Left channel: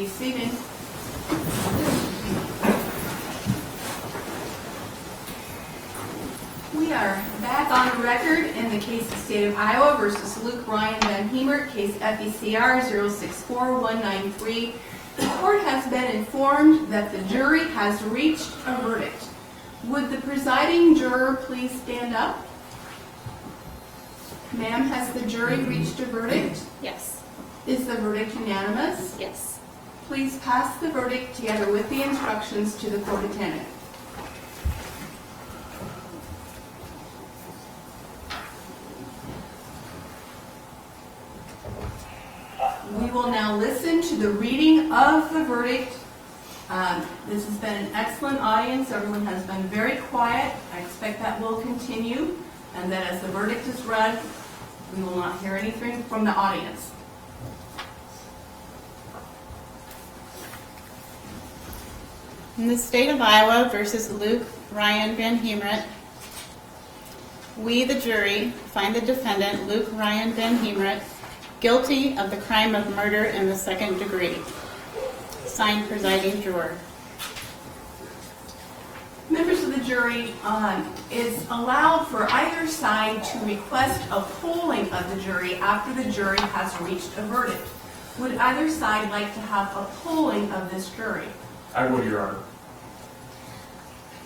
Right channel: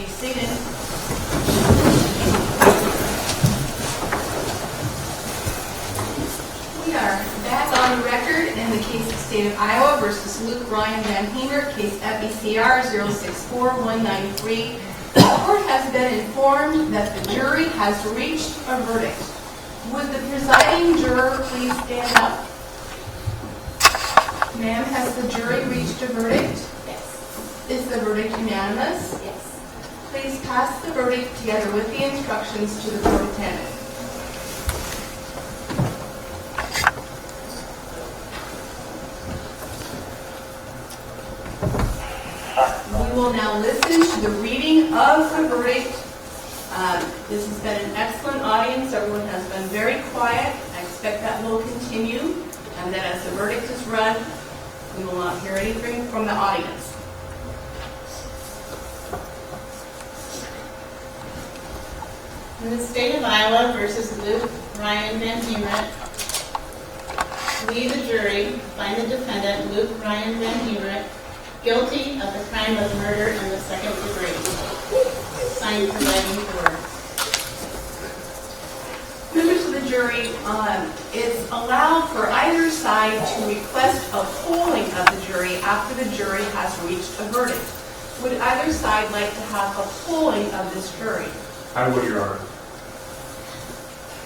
be seated. We are back on the record in the case of State of Iowa versus Luke Ryan VanHemert, case FECR 064193. The court has been informed that the jury has reached a verdict. Would the presiding juror please stand up? Ma'am, has the jury reached a verdict? Yes. Is the verdict unanimous? Yes. Please pass the verdict together with the instructions to the court attendant. We will now listen to the reading of the verdict. This has been an excellent audience. Everyone has been very quiet. I expect that will continue, and that as the verdict is read, we will not hear anything from the audience. In the State of Iowa versus Luke Ryan VanHermert, we, the jury, find the defendant, Luke Ryan VanHermert, guilty of the crime of murder in the second degree. Signed, presiding juror. Members of the jury, it's allowed for either side to request a polling of the jury after the jury has reached a verdict. Would either side like to have a polling of this jury? I would, Your Honor.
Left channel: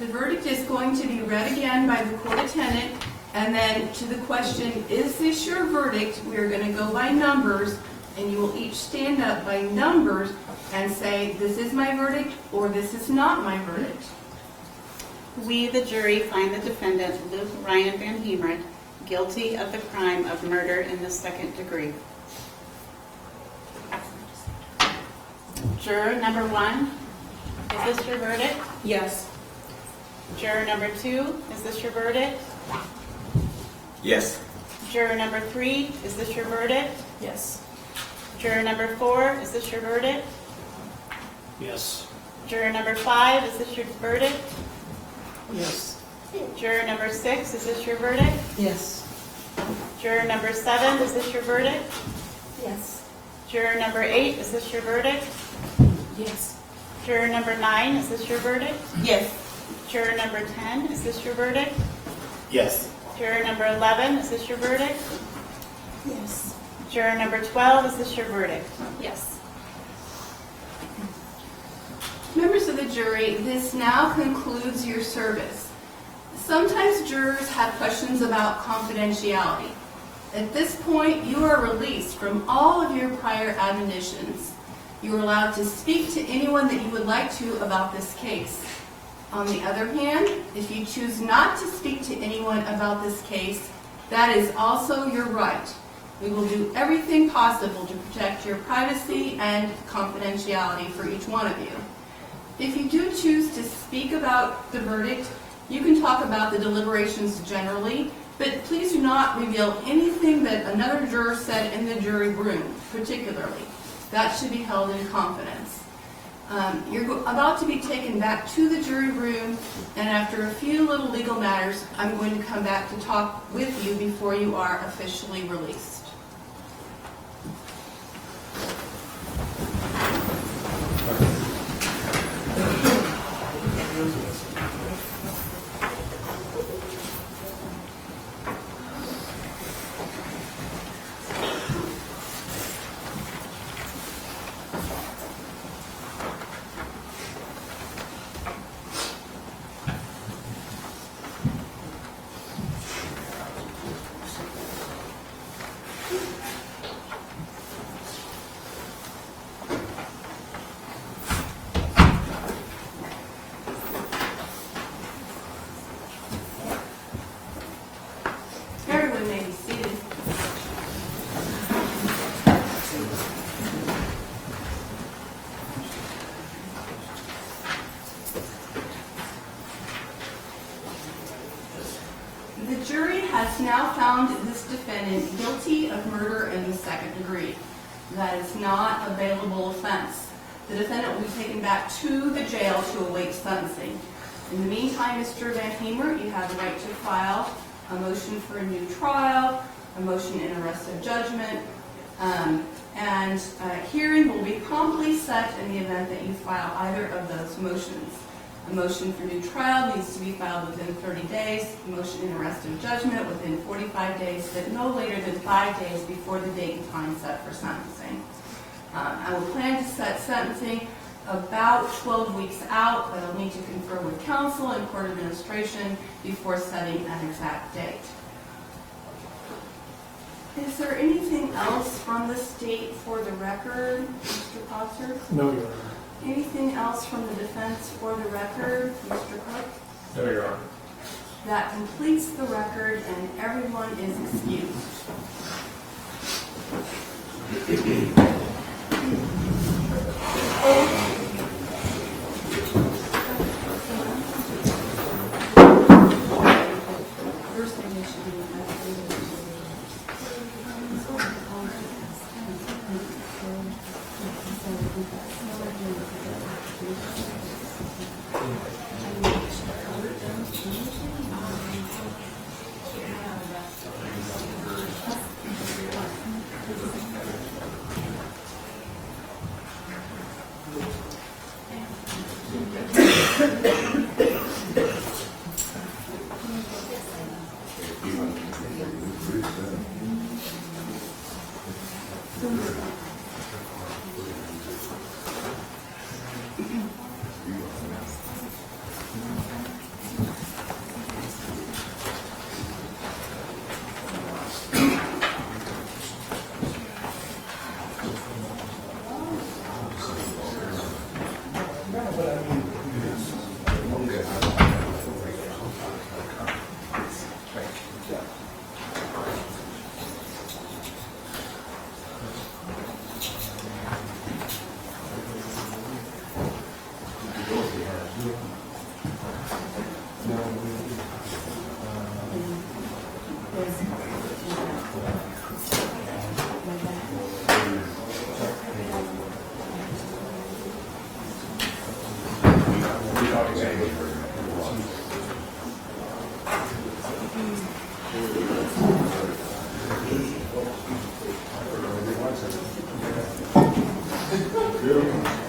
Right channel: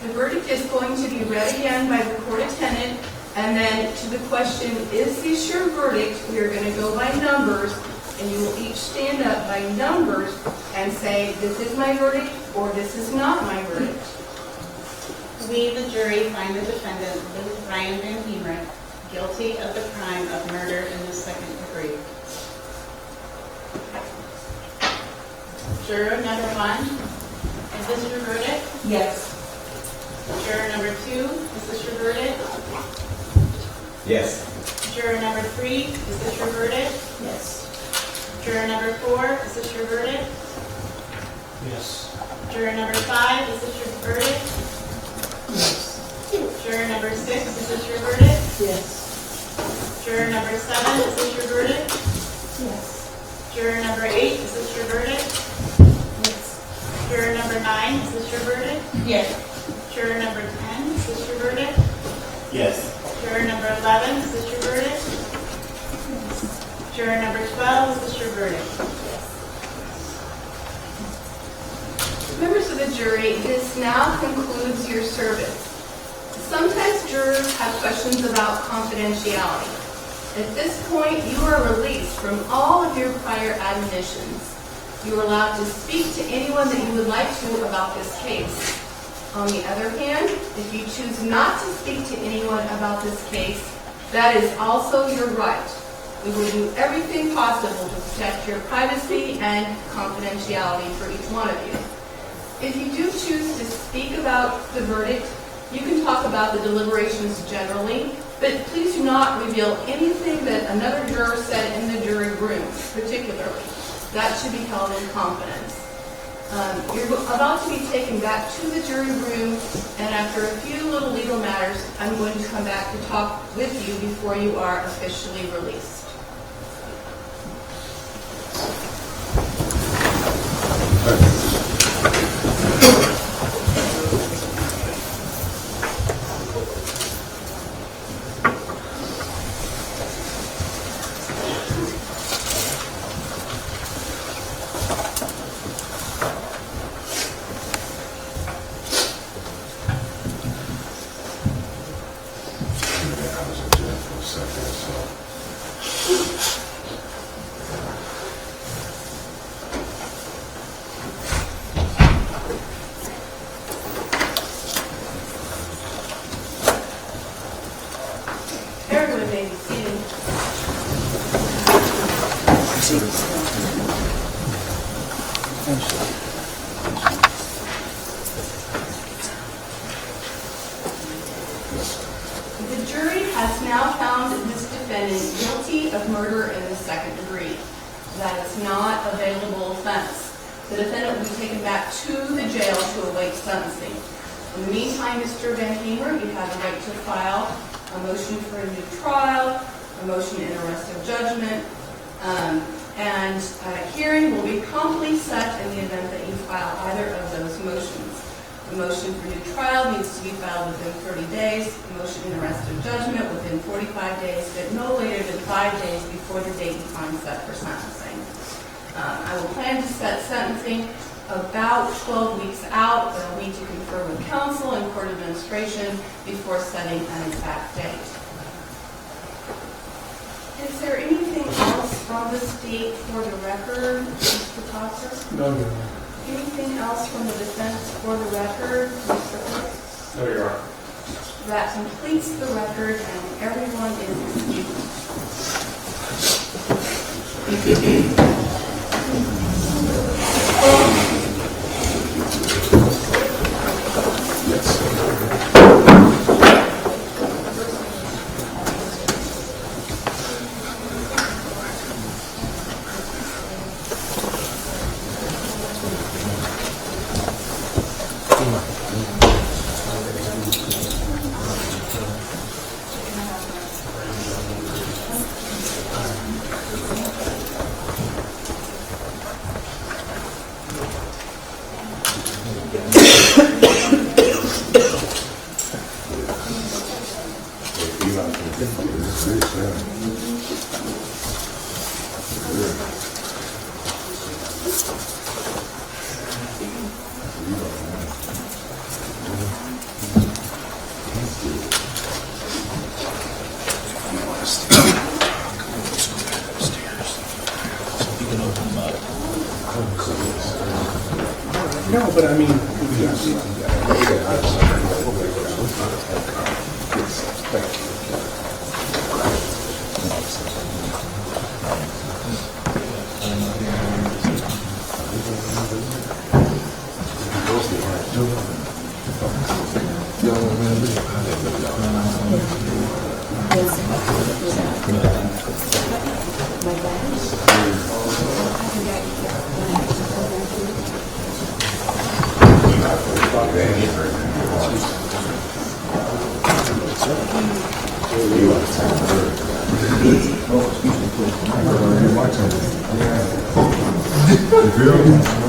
The verdict is going to be read again by the court attendant, and then to the question, is this your verdict? We are going to go by numbers, and you will each stand up by numbers and say, this is my verdict, or this is not my verdict. We, the jury, find the defendant, Luke Ryan VanHermert, guilty of the crime of murder in the second degree. Juror number 1, is this your verdict? Yes. Juror number 2, is this your verdict? Yes. Juror number 3, is this your verdict? Yes. Juror number 4, is this your verdict? Yes. Juror number 5, is this your verdict? Yes. Juror number 6, is this your verdict? Yes. Juror number 7, is this your verdict? Yes. Juror number 8, is this your verdict? Yes. Juror number 9, is this your verdict? Yes. Juror number 10, is this your verdict? Yes. Juror number 11, is this your verdict? Yes. Juror number 12, is this your verdict? Yes. Members of the jury, this now concludes your service. Sometimes jurors have questions about confidentiality. At this point, you are released from all of your prior admonitions. You are allowed to speak to anyone that you would like to about this case. On the other hand, if you choose not to speak to anyone about this case, that is also your right. We will do everything possible to protect your privacy and confidentiality for each one of you. If you do choose to speak about the verdict, you can talk about the deliberations generally, but please do not reveal anything that another juror said in the jury room, particularly. That should be held in confidence. You're about to be taken back to the jury room, and after a few little legal matters, I'm going to come back to talk with you before you are officially released. Everyone may be seated. The jury has now found this defendant guilty of murder in the second degree. That is not a bailable offense. The defendant will be taken back to the jail to await sentencing. In the meantime, Mr. VanHemert, you have the right to file a motion for a new trial, a motion in arrest of judgment, and a hearing will be promptly set in the event that you file either of those motions. A motion for new trial needs to be filed within 30 days, a motion in arrest of judgment within 45 days, but no later than 5 days before the date and time set for sentencing. I will plan to set sentencing about 12 weeks out, but I'll need to confer with counsel and court administration before setting an exact date. Is there anything else from the state for the record, Mr. Foster? No, Your Honor. Anything else from the defense for the record, Mr. Cook? No, Your Honor. That completes the record, and everyone is excused. No, but I mean, Very